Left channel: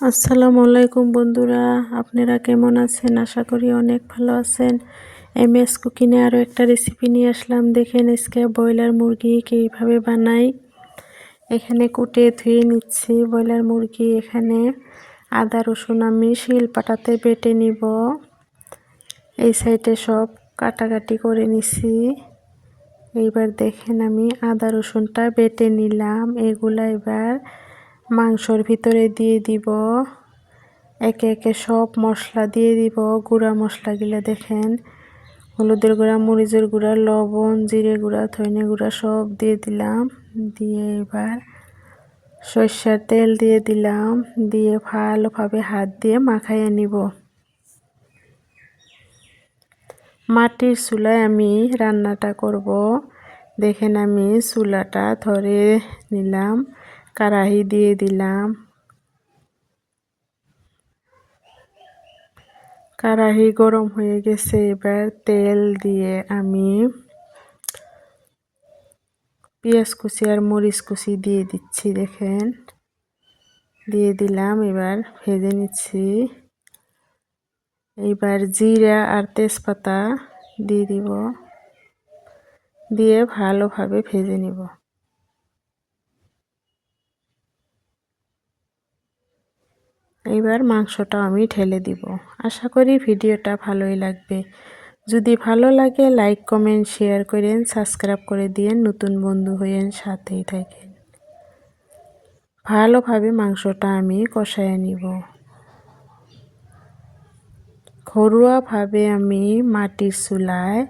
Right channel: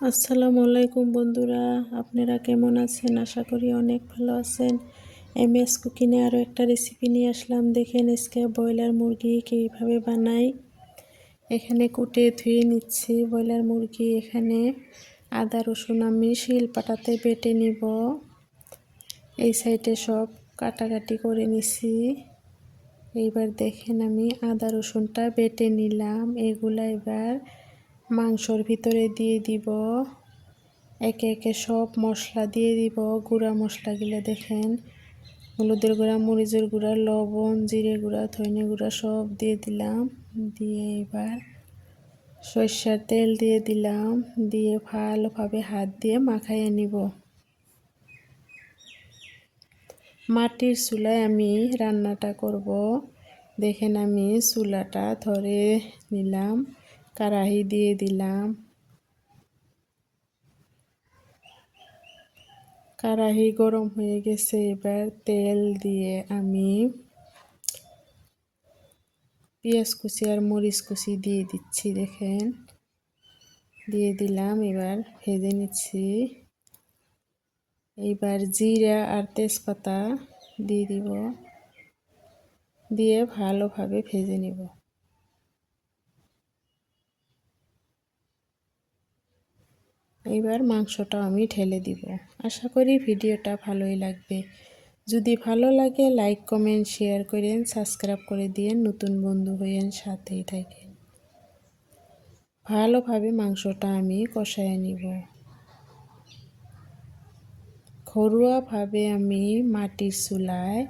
আসসালামু আলাইকুম বন্ধুরা, আপনারা কেমন আছেন? আশা করি অনেক ভালো আছেন। এমএস কুকিংয়ে আরও একটা রেসিপি নিয়ে আসলাম। দেখেন আজকে ব্রয়লার মুরগি কীভাবে বানাই। এখানে কুটে ধুয়ে নিচ্ছি ব্রয়লার মুরগি। এখানে আদা রসুন আমি শিলপাটাতে বেটে নিব। এই সাইডে সব কাটাকাটি করে নিছি। এইবার দেখেন আমি আদা রসুনটা বেটে নিলাম। এগুলা এবার মাংসর ভিতরে দিয়ে দিব। একে একে সব মশলা দিয়ে দিব। গুঁড়া মশলাগুলো দেখেন, হলুদের গুঁড়া, মরিচের গুঁড়া, লবণ, জিরে গুঁড়া, ধনে গুঁড়া সব দিয়ে দিলাম। দিয়ে এবার সরষের তেল দিয়ে দিলাম। দিয়ে ভালোভাবে হাত দিয়ে মাখাইয়ে নিব। মাটির চুলায় আমি রান্নাটা করব। দেখেন আমি চুলাটা ধরে নিলাম, কড়াই দিয়ে দিলাম। কড়াই গরম হয়ে গেছে। এবার তেল দিয়ে আমি পেঁয়াজ কুচি আর মরিচ কুচি দিয়ে দিচ্ছি। দেখেন দিয়ে দিলাম। এবার ভেজে নিচ্ছি। এবার জিরা আর তেজপাতা দিয়ে দিব। দিয়ে ভালোভাবে ভেজে নিব। এবার মাংসটা আমি ঢেলে দিব। আশা করি ভিডিওটা ভালোই লাগবে। যদি ভালো লাগে লাইক কমেন্ট শেয়ার করেন, সাবস্ক্রাইব করে দিয়েন, নতুন বন্ধু হয়েন, সাথেই থাকেন। ভালোভাবে মাংসটা আমি কষায় নিব। ঘরোয়াভাবে আমি মাটির চুলায়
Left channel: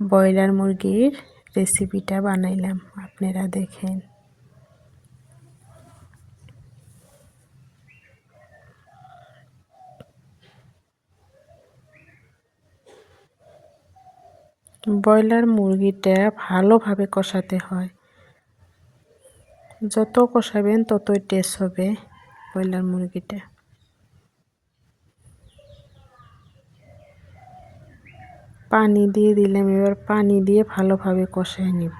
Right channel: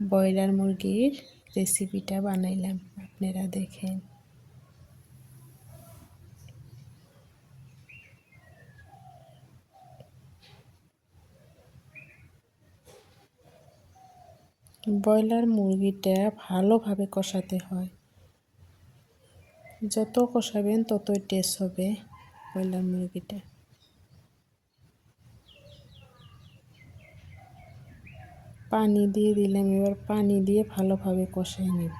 ব্রয়লার মুরগির রেসিপিটা বানাইলাম, আপনারা দেখেন। ব্রয়লার মুরগিটা ভালোভাবে কষাতে হয়। যত কষাবেন ততই টেস্ট হবে ব্রয়লার মুরগিটা। পানি দিয়ে দিলাম। এবার পানি দিয়ে ভালোভাবে কষায় নিব।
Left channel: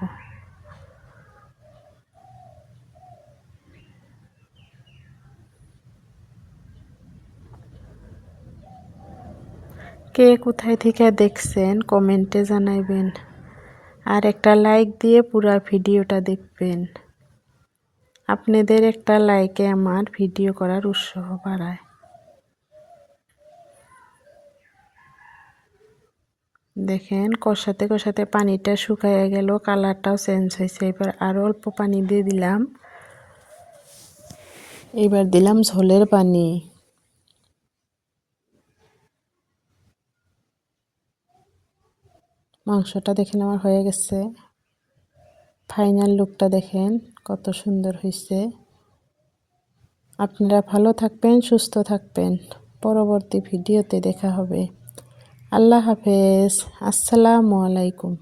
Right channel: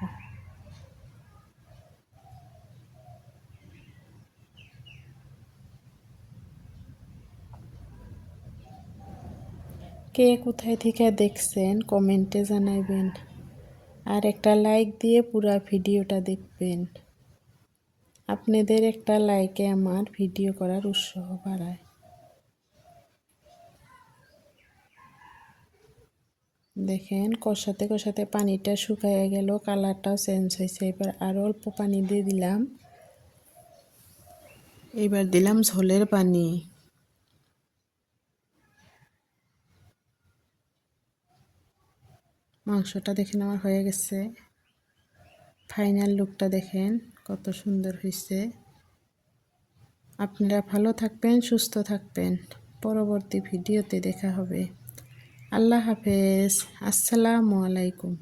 কে কোথায় থেকে দেখছেন কমেন্টে জানাইবেন। আর একটা লাইক দিয়ে পুরো ভিডিওটা দেখবেন। আপনাদের একটা লাইকে আমার ভিডিও করার উৎসাহ বাড়ায়। দেখেন কষাতে কষাতে পানিটা শুকায় গেল, কালারটাও চেঞ্জ হয়েছে। এবার আরও অল্প পানি দিয়ে দিলাম। এবার দিলাম ঝোলের পানি। মাংসটা দেখেন আমার হয়ে গেছে। ফাইনাল লুকটা দেখেন কত সুন্দর হয়েছে। আপনারা ভালো থাকবেন, সুস্থ থাকবেন। পরবর্তী ভিডিওতে দেখা হবে। আল্লাহ হাফেজ। আসসালামু আলাইকুম।